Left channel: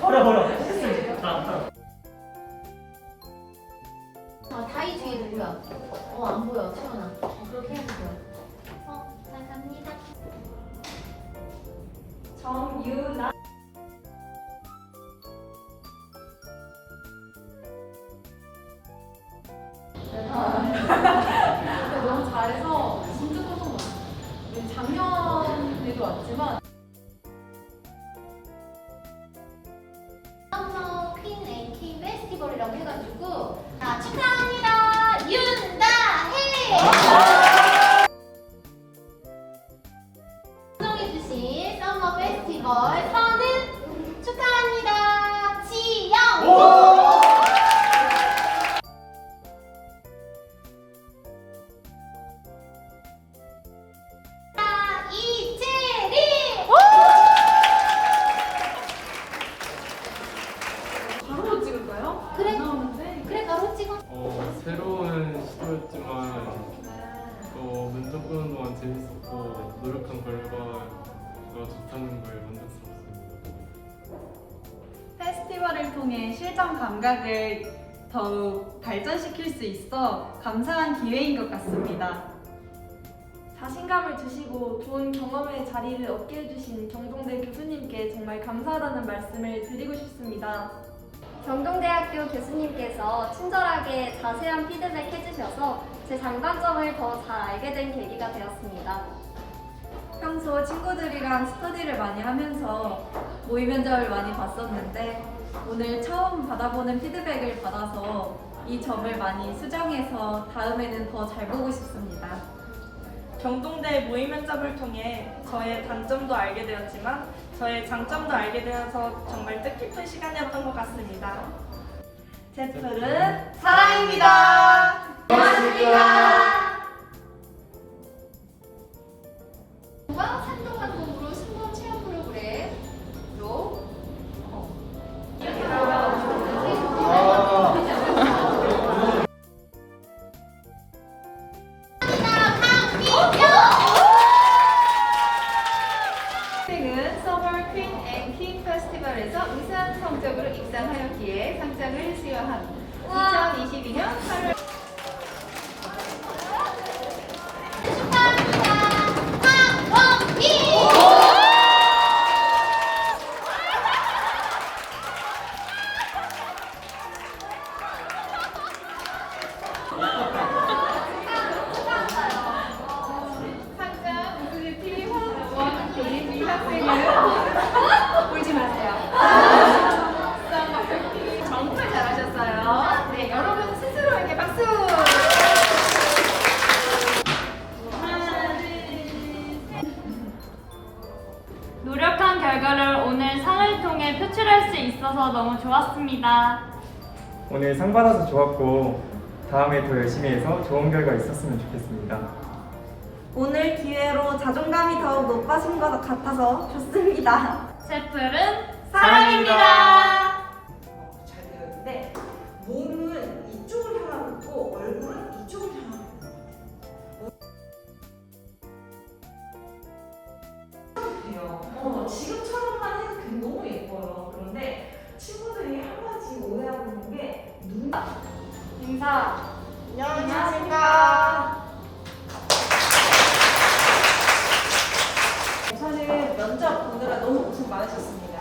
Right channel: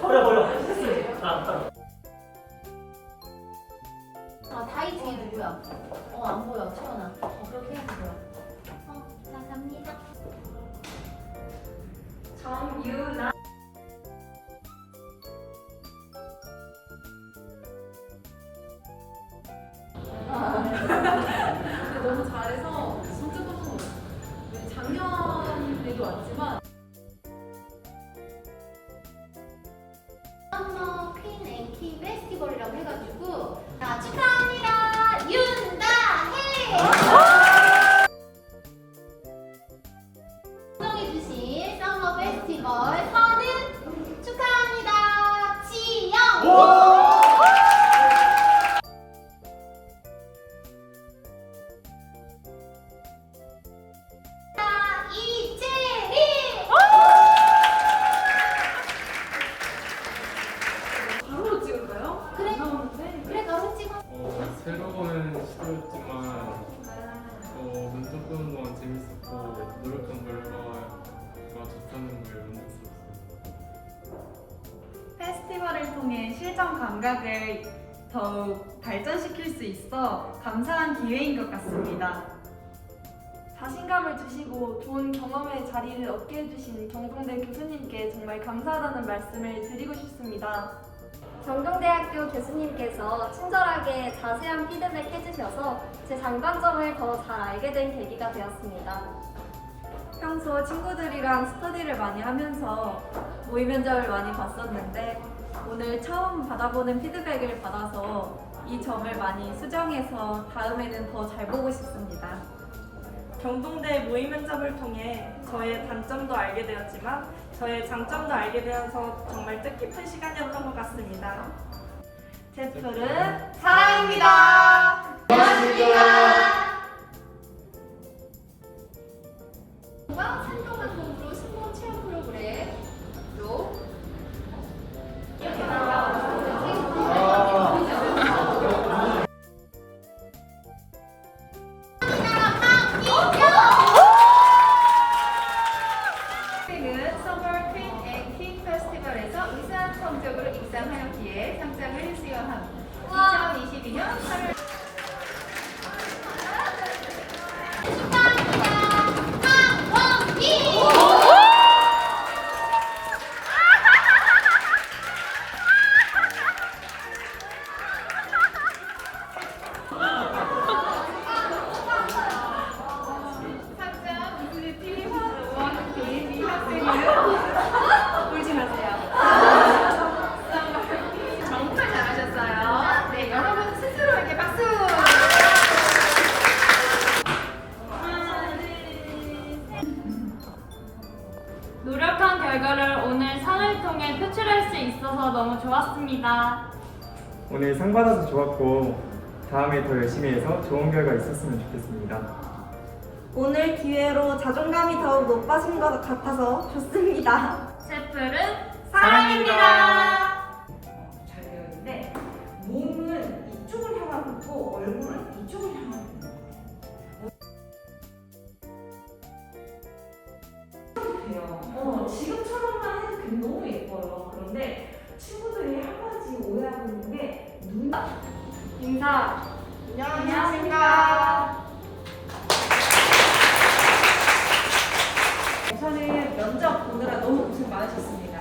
버려 버려. 어, 다이 중에 누구야? 어, 안 보여, 채원아. 어, 그렇게 해야지 돼요. 어, 자, 갑니다. 정유나 근데 너무 잘해서 진짜 깜짝. 네, 작년에도 왔지만 좋다는 거에 만족스럽습니다. 페스티벌을 통해 실전 감각을 더욱 발전시킬 수 있어 감사한 기회인 것 같습니다. 자신감을 주시고 좋은 경험의 자리를 얻게 해주신 경동대 교수님께 정말 감사하다는 말씀을 드리고 싶습니다. 경동대학교 교수님께서 친절하게 자세한 피드백 해주셔서 제 장단점을 더 잘 알게 된 계기가 되었습니다. 평소 친구들이랑 스터디를 많이 하면서 모의 면접을 많이 봤었는데 오늘 처음 받아보는 피드백을 받아서 이 점을 많이 수정해서 다음에는 더 잘 보고 싶습니다. 경동대 모의 면접을 통해 저의 단점도 알게 되었지만 저의 장점도 알게 되어서 정말 뜻깊은 시간이었던 것 같습니다. 제플은 사랑입니다. 2022년 8월 있어서 너무 좋았습니다. 오늘 상 받아서 좋았고 다음에 더 열심히 해서 좋은 결과 있었으면 좋겠습니다. 오늘 기회로 자존감이 더욱 높아진 것 같아서 좋습니다. 셰프는 사랑입니다. 잘 되었는데 몸은 이쪽을 향하고 있고 얼굴은 이쪽을 향하고 있는. 어, 지금처 인사. 안녕하십니까. 우선은 면접 보느라 너무 고생 많으셨습니다.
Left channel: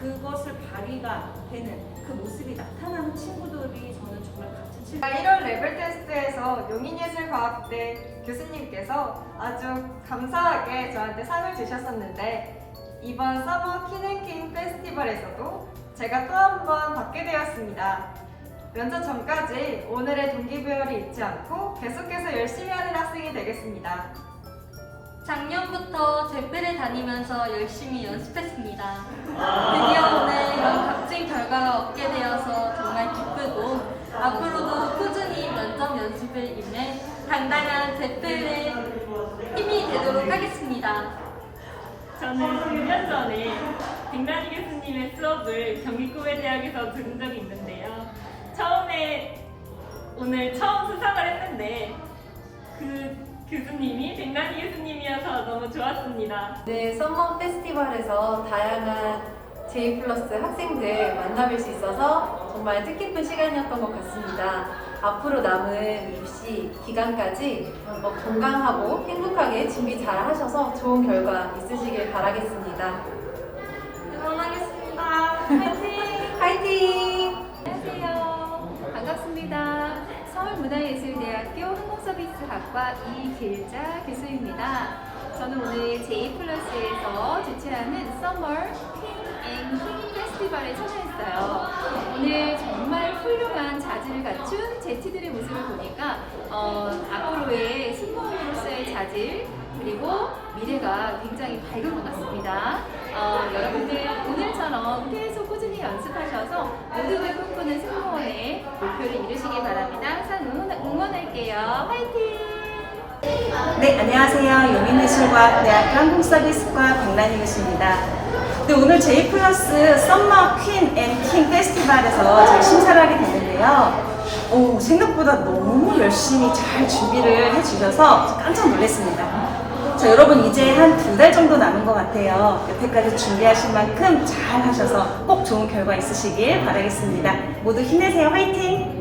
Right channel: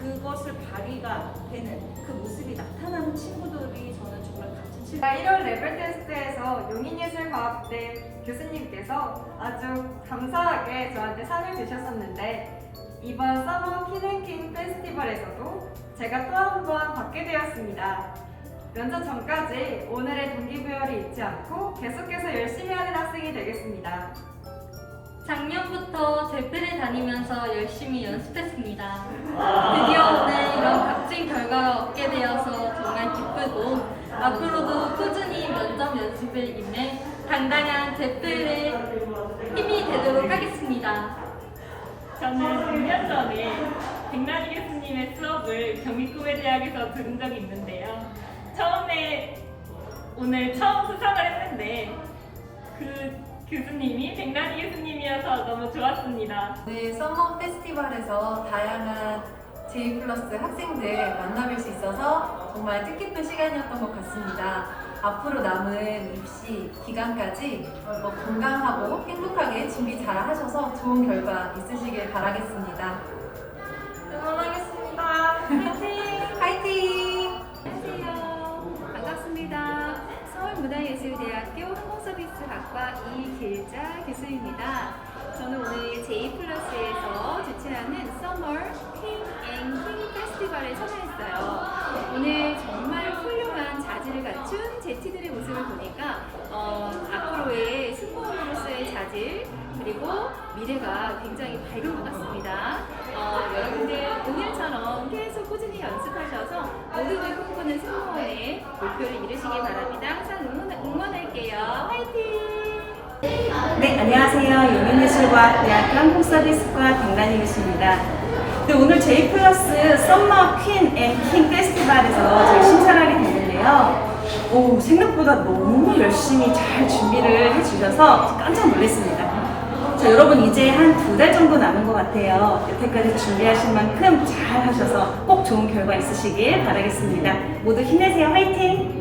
그것을 발휘가 되는 그 모습이 나타나는 친구들이 저는 정말 같은 친구. 1월 레벨 테스트에서 용인예술과학대 교수님께서 아주 감사하게 저한테 상을 주셨었는데 이번 서머 키넨킹 페스티벌에서도 제가 또 한 번 받게 되었습니다. 면접 전까지 오늘의 동기부여를 잊지 않고 계속해서 열심히 하는 학생이 되겠습니다. 작년부터 제페를 다니면서 열심히 연습했습니다. 드디어 오늘 이런 값진 결과를 얻게 되어서 정말 기쁘고 앞으로도 꾸준히 면접 연습을 임해 당당한 제페의 힘이 되도록 하겠습니다. 저는 6년 전에 백란희 교수님의 수업을 경기고회대학에서 들은 적이 있는데요. 처음에 오늘 처음 수상을 했는데 그 교수님이 백란희 교수님이어서 너무 좋았습니다. 네, 썸머 페스티벌에서 다양한 J 플러스 학생들 만나뵐 수 있어서 정말 뜻깊은 시간이었던 것 같습니다. 앞으로 남은 입시 기간까지 어, 건강하고 행복하게 준비 잘 하셔서 좋은 결과 있으시길 바라겠습니다. 응원하겠습니다. 화이팅! 화이팅! 서울문화예술대학교 항공서비스학과 이길자 교수입니다. 저는 오늘 J+에서 주최하는 서머 퀸앤킹 페스티벌에 참여했어요. 오늘 정말 훌륭한 자질을 갖춘 제티들의 모습을 보니까 어, 앞으로의 승무원으로서의 자질 그리고 미래가 굉장히 밝은 것 같습니다. 어, 여러분들 오늘처럼 계속 꾸준히 연습하 목표를 이루시기 바랍니다. 항상 응원, 응원 할게요. 화이팅! 네, 안녕하세요. 용인예술과학대학교 항공서비스과 백란희 교수입니다. 네, 오늘 J 플러스 썸머 퀸 앤 킹 페스티벌에서 저희 심사를 하게 됐는데요. 오, 생각보다 너무 열심히 잘 준비를 해주셔서 깜짝 놀랐습니다. 자, 여러분 이제 한 두 달 정도 남은 것 같아요. 여태까지 준비하신 만큼 잘 하셔서 꼭 좋은 결과 있으시길 바라겠습니다. 모두 힘내세요. 화이팅!